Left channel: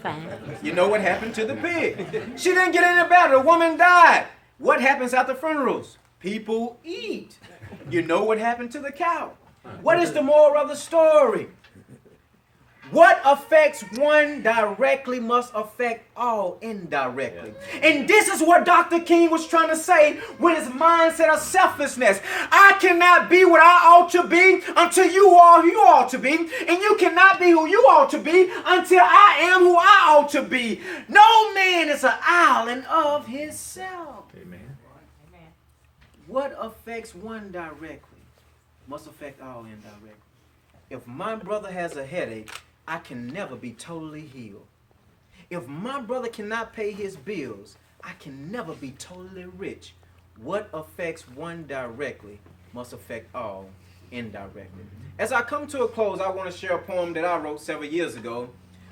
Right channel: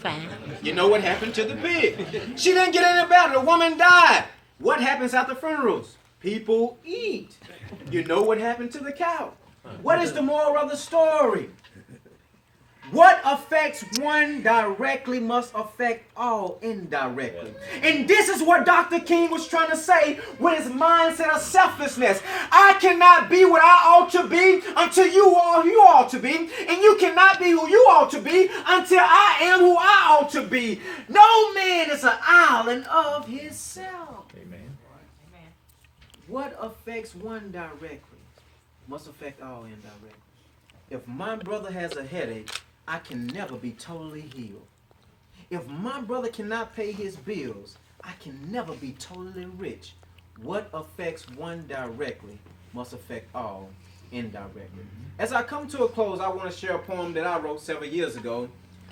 Fine. You know what happened to the pig? She didn't get any better. The woman died. What happens after funerals? People eat. You know what happened to the cow? What is the moral of the story? What affects one directly must affect all indirectly. And this is what Dr. King was trying to say with his mindset of selflessness. I cannot be what I ought to be until you are who you ought to be. And you cannot be who you ought to be until I am who I ought to be. No man is an island of himself. Amen. What affects one directly must affect all indirectly. If my brother has a headache, I can never be totally healed. If my brother cannot pay his bills, I can never be totally rich. What affects one directly must affect all indirectly. As I come to a close, I want to share a poem that I wrote several years ago.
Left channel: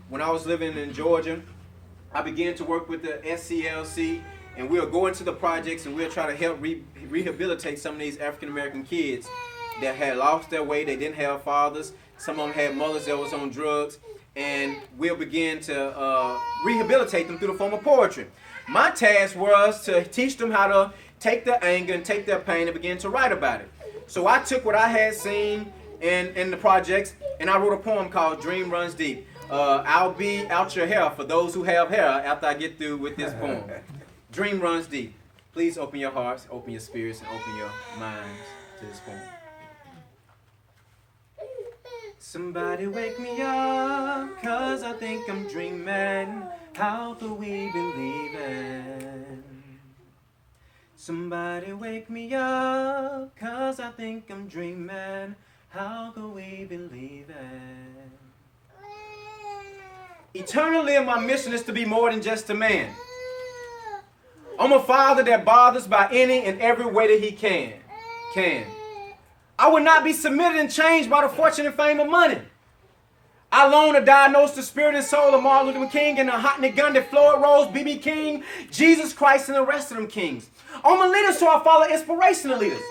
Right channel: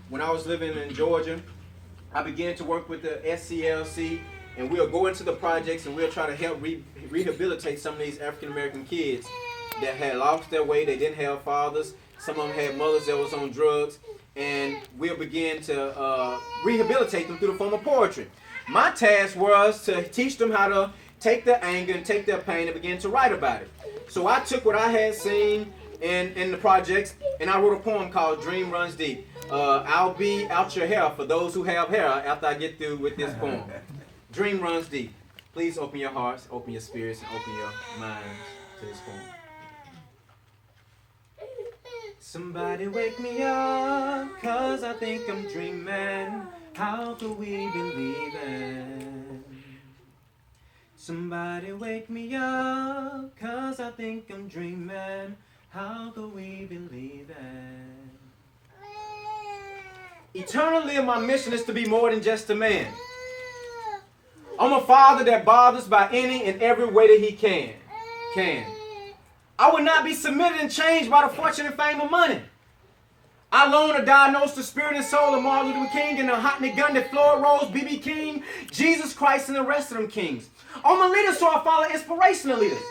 When I was living in Georgia, I began to work with the SCLC, and we'll go into the projects and we'll try to help rehabilitate some of these African American kids that had lost their way. They didn't have fathers. Some of them had mothers that was on drugs, and we'll begin to rehabilitate them through the form of poetry. My task was to teach them how to take their anger and take their pain and begin to write about it. So I took what I had seen in the projects, and I wrote a poem called Dream Runs Deep. I'll be out your hair for those who have hair after I get through with this poem. Dream runs deep. Please open your hearts, open your spirits, and open your minds to this poem. Somebody wake me up, 'cause I think I'm dreaming. How could we believe it? Somebody wake me up, 'cause I think I'm dreaming. How could we believe it? Eternally, my mission is to be more than just a man. I'm a father that bothers by any and every way that he can. I would not be submitted and changed by the fortune and fame of money. I long to diagnose the spirit and soul of Martin Luther King and the Hotney Gundy, Floyd Rose, B.B. King, Jesus Christ, and the rest of them kings. I'm a leader, so I follow inspirational leaders.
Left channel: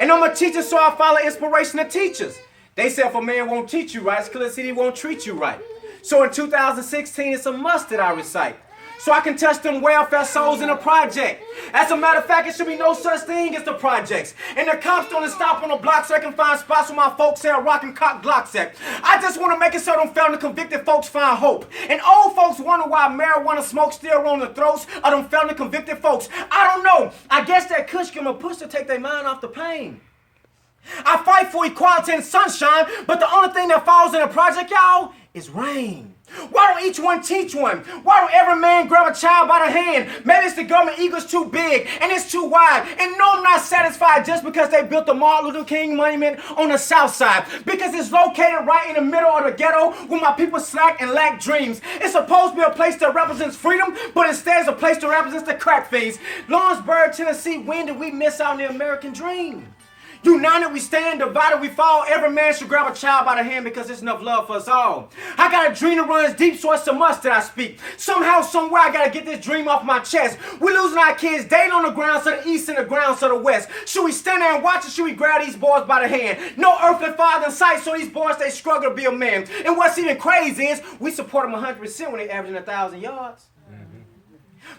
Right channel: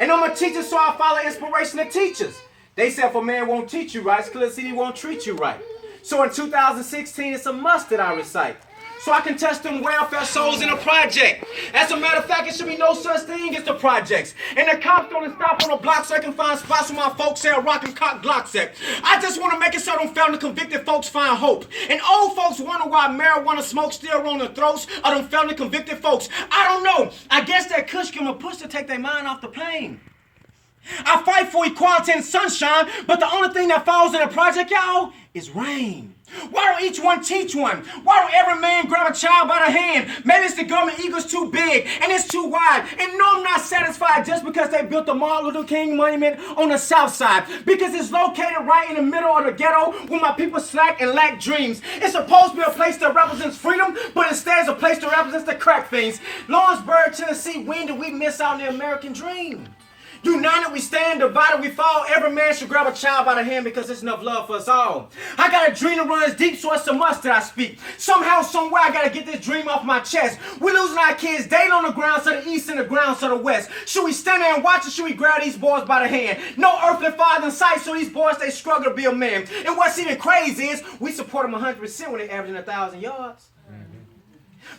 And I'm a teacher, so I follow inspirational teachers. They say if a man won't teach you right, it's clear he won't treat you right. So in 2016, it's a must that I recite, so I can touch them welfare souls in a project. As a matter of fact, it should be no such thing as the projects. And the cops don't stop on the block so I can find spots where my folks sell rock and cock Glocks at. I just want to make it so them felony convicted folks find hope. And old folks wonder why marijuana smoke still on the throats of them felony convicted folks. I don't know. I guess that kush give them a push to take their mind off the pain. I fight for equality and sunshine, but the only thing that falls in the project, y'all, is rain. Why don't each one teach one? Why don't every man grab a child by the hand? Maybe it's the government eagle's too big and it's too wide. And no, I'm not satisfied just because they built the Martin Luther King monument on the south side, because it's located right in the middle of the ghetto where my people slack and lack dreams. It's supposed to be a place that represents freedom, but instead it's a place that represents the crack fiends. Lawrenceburg, Tennessee, when did we miss out on the American dream? United we stand, divided we fall. Every man should grab a child by the hand because there's enough love for us all. I got a dream that runs deep, so it's a must that I speak. Somehow, somewhere, I got to get this dream off my chest. We losing our kids daily on the ground, so the east and the ground, so the west. Should we stand there and watch, or should we grab these boys by the hand? No earthly father in sight, so these boys, they struggle to be a man. And what's even crazy is we support them 100% when they're averaging 1,000 yards.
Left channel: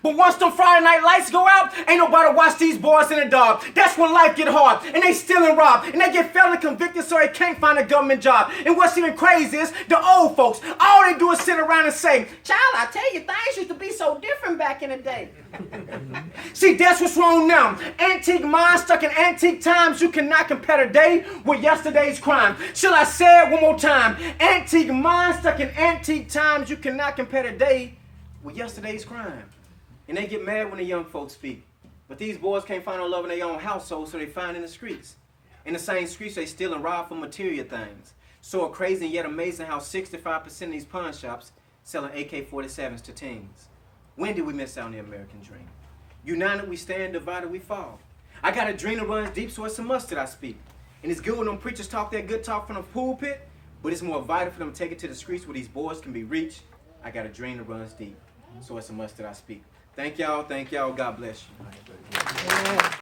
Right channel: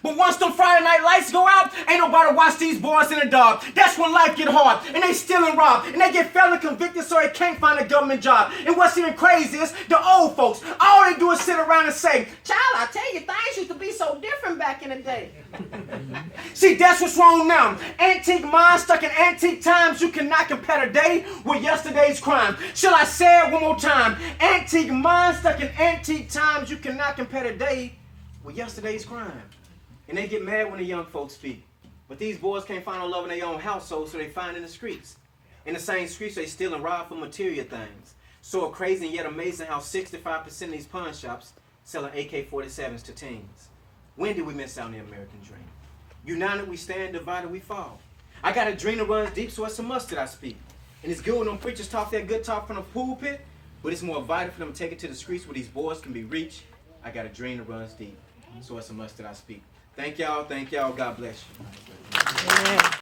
But once the Friday night lights go out, ain't nobody watch these boys in the dark. That's when life get hard, and they steal and rob, and they get felony convicted so they can't find a government job. And what's even crazy is the old folks, all they do is sit around and say, "Child, I tell you, things used to be so different back in the day." See, that's what's wrong now. Antique minds stuck in antique times. You cannot compare today with yesterday's crime. Shall I say it one more time? Antique minds stuck in antique times. You cannot compare today with yesterday's crime. And they get mad when the young folks speak. But these boys can't find no love in their own household, so they find it in the streets. In the same streets, they steal and rob for material things. So crazy and yet amazing how 65% of these pawn shops selling AK-47s to teens. When did we miss out on the American dream? United we stand, divided we fall. I got a dream that runs deep, so it's a must that I speak. And it's good when them preachers talk that good talk from the pulpit, but it's more vital for them to take it to the streets where these boys can be reached. I got a dream that runs deep, so it's a must that I speak. Thank y'all. God bless you.